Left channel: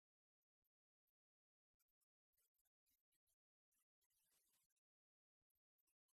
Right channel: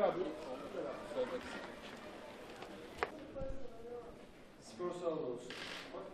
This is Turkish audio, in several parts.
Gel abi. Spor salonu olsun. Bak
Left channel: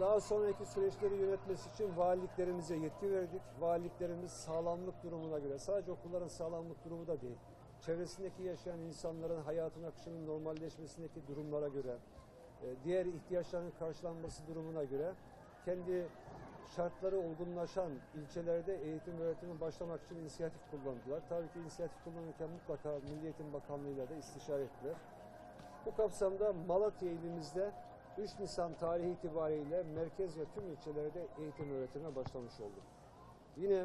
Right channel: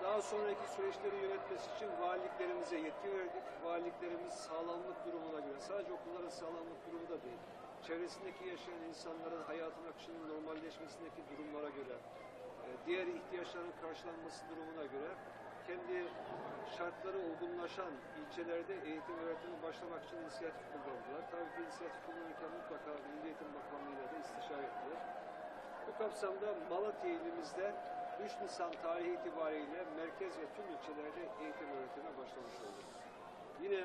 Daha sonraki süreçleri yönetmesi için valiliklerimize yetki verdik. Valiliklerimiz sağlamlık durumuna göre, sadece okulların sağlamlık durumu da değil, çevresindeki yaşayan insanların hayatın akışının normalleşmesindeki durumlara göre, e, diğer ihtiyaçların karşılanması durumuna göre kendi şartları uygunlaşan ilçelerde eğitim öğretimi başlamak için inisiyatif kullandılar. Tabii ki inisiyatif kullanırken mutlaka Milli Eğitim Bakanlığı'yla da istişare ettiler. Bu kapsamda Malatya ilimizde 3 Nisan tarihi itibariyle merkez ve tüm ilçelerde eğitim öğretime başlamış olduk. Yine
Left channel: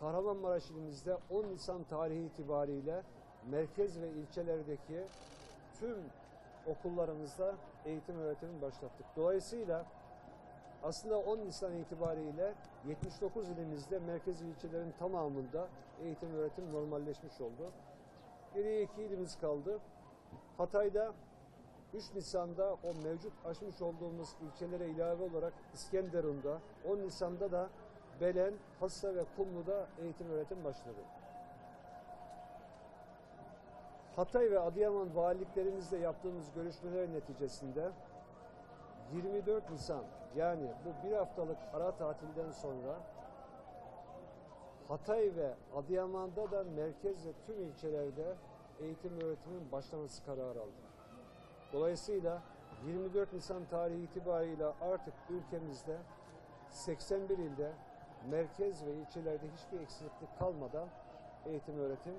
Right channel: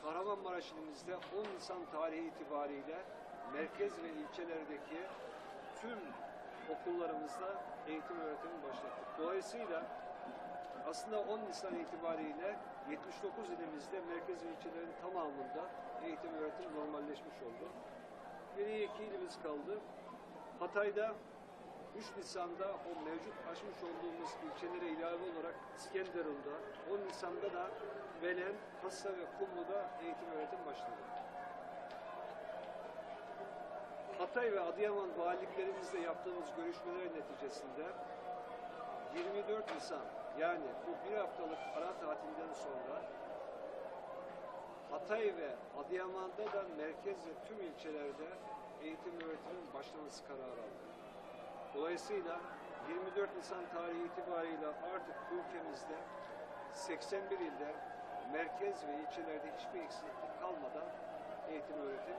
Kahramanmaraş ilimizde 10 Nisan tarihi itibariyle merkez ve ilçelerdeki tüm okullarımızda eğitim öğretimi başlattık. Dolayısıyla aslında 10 Nisan itibariyle 79 ilimizde merkez ve ilçelerin tamamında eğitim öğretim normalleşmiş oldu. Geriye iki ilimiz kaldı. Hatay'da 3 Nisan'da o mevcut açmış olduğumuz ilçelere ilave olarak İskenderun'da, 10 Nisan'da da Belen, Hassa ve Kumlu'da eğitim öğretim başladı. Hatay ve Adıyaman valiliklerimizle yaptığımız görüşmeler neticesinde 24 Nisan yani bu bir haftalık ara tatilden sonra Hatay ve Adıyaman'da da merkez ve tüm ilçelerde eğitim öğretimin başlaması kararı aldı. Dolayısıyla 24 Nisan tarihi itibariyle artık ülkemizde 81 ilde merkez ve ilçelerde hiçbir eksiklik kalmadan eğitim öğretim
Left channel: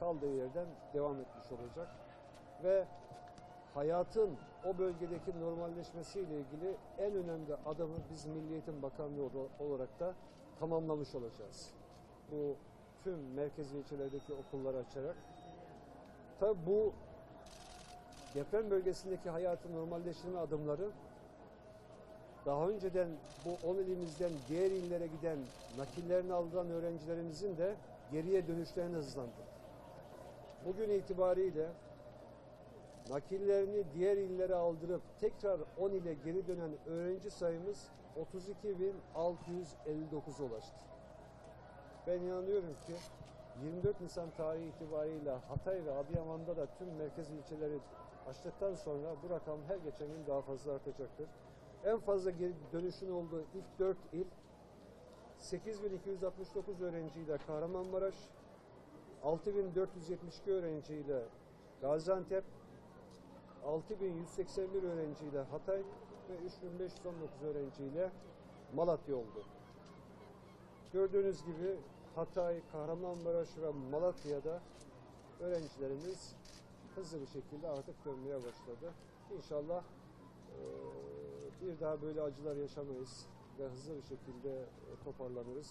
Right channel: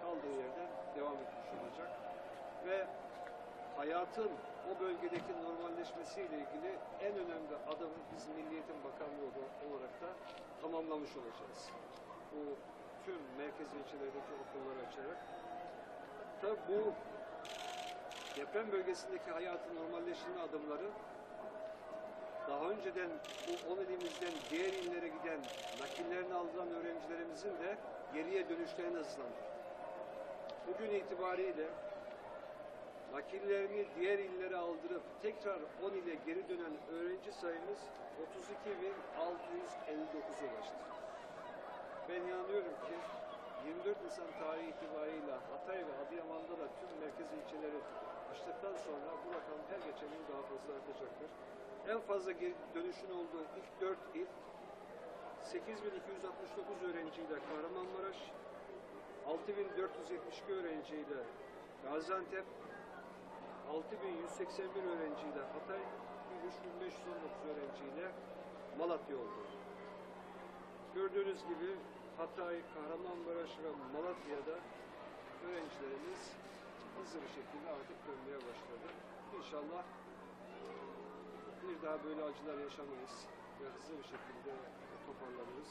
kaldığı yerden devam etmiş olacak. Ve hayatın o bölgedeki normalleşmesiyle ilgili en önemli adımı biz Milli Eğitim Bakanlığı olarak da tamamlamış olacağız. Bu tüm merkez ve ilçelerdeki okulları açarak. Tabi bu deprem bölgesindeki hayatın normalleşme adımları daha önceden bu 10 ilimizden diğer illere giden nakillerini alınan öğrencilerimizin de geriye dönüşlerini hızlandırdı. Bugün itibariyle nakillerini diğer illere aldırıp tekrar 10 ile geri dönen öğrenci sayımız 32.659'a ulaştı. Ben inanıyorum ki 24 Nisan tarihi itibariyle Hatay ve Adıyaman'da da tüm merkez ilçeleri açtıktan sonra bu rakam her geçen gün daha fazla artacaktır. En fazla geri dönüşün olduğu ilk 4 il 8269 öğrenciyle Kahramanmaraş, 6472 öğrenciyle Gaziantep, 6181 öğrenciyle Hatay ve 3519 öğrenciyle Malatya oldu. Gördüğünüz gibi Hatay, Kahramanmaraş ve Malatya'da öğrencilerimiz hızlı bir şekilde artık dönmeye başladı. İnşallah bir daha böyle acılar yaşamayız ve hızlı bir şekilde toparlanırız.